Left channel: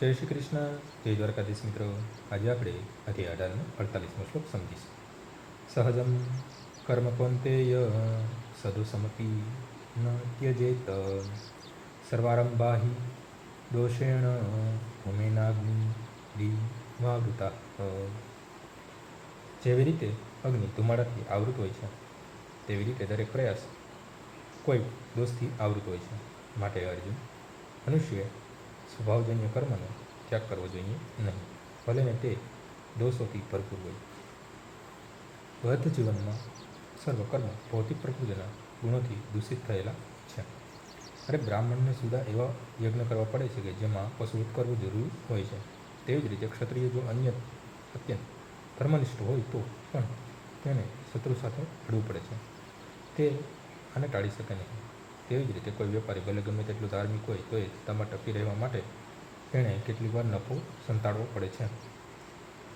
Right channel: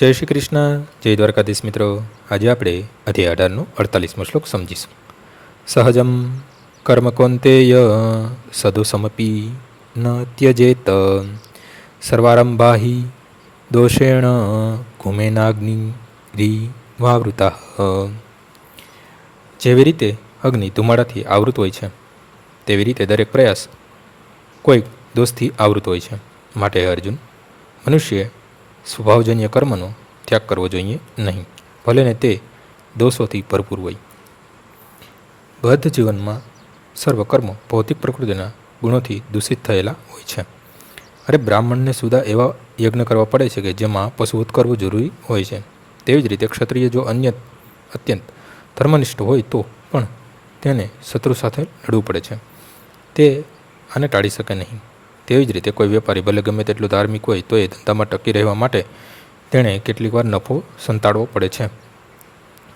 જય શ્રી કૃષ્ણ, જય દ્વારકાધીશ મિત્રો. આજે આપણે અધ્યાય 18નો 48મો શ્લોક સમજીશું. સહજમ કર્મ કૌંતેય સદોષમપી ન ત્યજેત સર્વારંભાહિ દોષેણ કુમેનાગ્નિરીવાવૃતા. જેવી રીતે અગ્નિ ધુમાડાથી આવૃત હોય છે, તેવી રીતે દરેક પ્રયાસ કોઈક દોષથી આવૃત હોય છે. માટે અર્જુન, મનુષ્યએ સ્વભાવજન્ય કર્મનો ત્યાગ કરવો જોઈએ નહીં, ભલે ને તે દોષોથી ભરપૂર હોય. બદ્ધ જીવનમાં સર્વ કર્મો ભૌતિક પ્રકૃતિના ગુણોથી દૂષિત થયેલા હોય છે. અરે બ્રાહ્મણને સુધા એવા યજ્ઞ કરવા પડે છે કે જેમાં પશુવધ કરવું જરૂરી હોય છે. તેવી જ રીતે ક્ષત્રિય જો અત્યંત ધર્મનિષ્ઠ હોય તો પણ તેને શત્રુ સાથે લડવું પડે છે. તે આને ટાળી શકે નહીં. તેવી જ રીતે કોઈ વેપારી ભલે ગમે તેટલું ધાર્મિક હોય તો એ ધંધામાં ટકી રહેવા માટે તેણે કેટલીક વાર નફો સંતાડવો પડે છે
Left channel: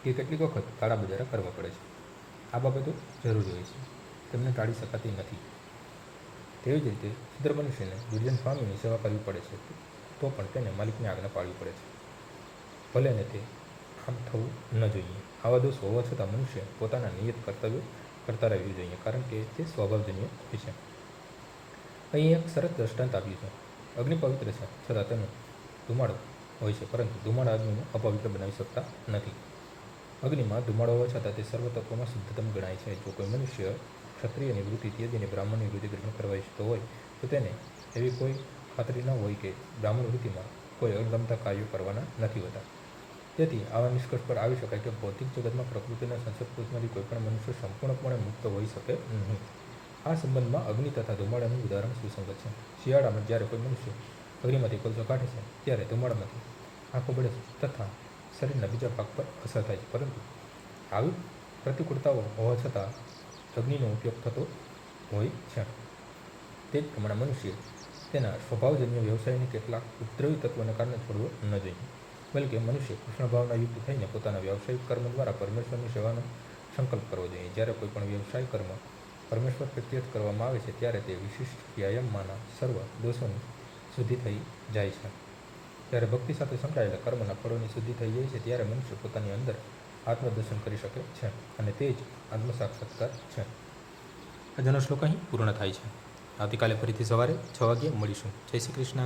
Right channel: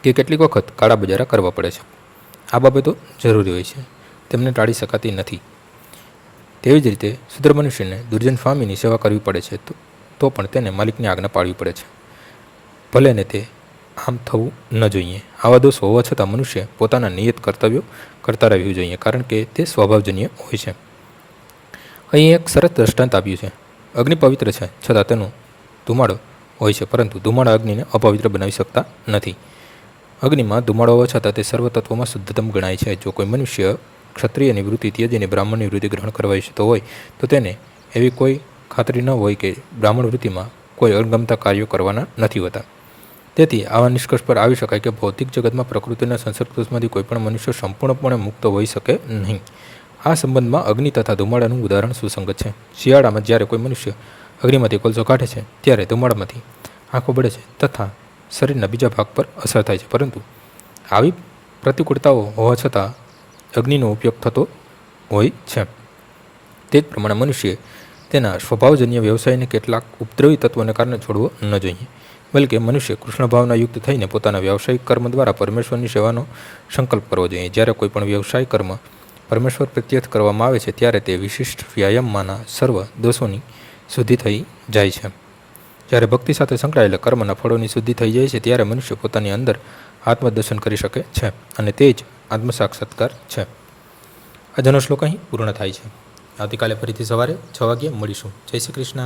કે કેટલીક વખત કાળા બજારા કરવા પડે છે. આ બાબતો જરૂરી હોય છે, તેમને ટાળી શકાતી નથી. તેવી જ રીતે શુદ્ર મનુષ્યને દુર્જન સ્વામીની સેવા કરવી પડે છે તો પણ તેને માલિકની આજ્ઞા પાળવી પડે છે, ભલે ને તે આમ થવું ન જોઈએ. આવા દોષ હોવા છતાં મનુષ્ય પોતાના નિયત કર્તવ્યો કરતા રહેવું જોઈએ, કારણ કે તે સ્વભાવજન્ય હોય છે. અહીં એક સરસ દ્રષ્ટાંત આપ્યું છે. અગ્નિ પવિત્ર છે છતાં તેનો ધુમાડો હોય છે, પરંતુ ધુમાડા અગ્નિને અપવિત્ર બનાવી શકતા નથી. અગ્નિમાં ધુમાડો હોવા છતાં તે સર્વ તત્વોમાં શુદ્ધતમ ગણાય છે. જો કોઈ મનુષ્ય ક્ષત્રિયની વૃત્તિ ત્યજીને બ્રાહ્મણની વૃત્તિ ગ્રહણ કરવા ઈચ્છતો હોય તો તેને એવી કોઈ ખાતરી ન હોય કે બ્રાહ્મણ વૃત્તિમાં કોઈ અણગમતા કાર્યો કરવાના નથી હોતા. તેથી આવા નિષ્કર્ષ પર આવી શકાય કે ભૌતિક જગતમાં પ્રકૃતિના સંસર્ગદોષમાંથી કોઈ પણ મનુષ્ય સંપૂર્ણપણે મુક્ત હોઈ શકે નહીં. આ સંબંધમાં અગ્નિ તથા ધુમાડાનું ઉદાહરણ સુસંગત છે. શિયાળામાં જ્યારે કોઈ મનુષ્ય અગ્નિમાંથી કોલસો કાઢે છે ત્યારે ધુમાડામાંથી આંખો બળે છે તથા શરીરના બીજા ભાગ પર અસર થાય છે, પરંતુ આવી પ્રતિકૂળતાઓ હોવા છતાં અગ્નિનો ઉપયોગ થતો હોય છે. તે જ પ્રમાણે મનુષ્યએ તેના સ્વભાવજન્ય વ્યવસાયને કેટલાક ઉપદ્રવી તત્વોને કારણે છોડવો ન જોઈએ, બલકે મનુષ્ય કૃષ્ણ ભાવના યુક્ત થઈને પોતાના વ્યવસાયિક કર્મ દ્વારા પરમેશ્વરની સેવાનો સંકલ્પ કરવો જોઈએ. જ્યારે કોઈ પણ વ્યવસાય કર્મ પરમેશ્વર પ્રત્યર્થ કરવામાં આવે છે ત્યારે તે વિશિષ્ટ વ્યાયામમાંના સર્વ દોષોની શુદ્ધિ થઈ જાય છે. જ્યારે ભક્તિ સાથે સંકળાયેલા કર્મના ફળોની શુદ્ધિ થઈ જાય છે ત્યારે મનુષ્ય પોતાની અંદર આત્મદર્શન કરી શકે છે, અને તે જ આત્મસાક્ષાત્કાર છે. આજનો શ્લોક અહીં પૂર્ણ થાય છે. આવતીકાલે ફરીથી સવારે 6 વાગ્યે મળીશું. જય શ્રી કૃષ્ણ.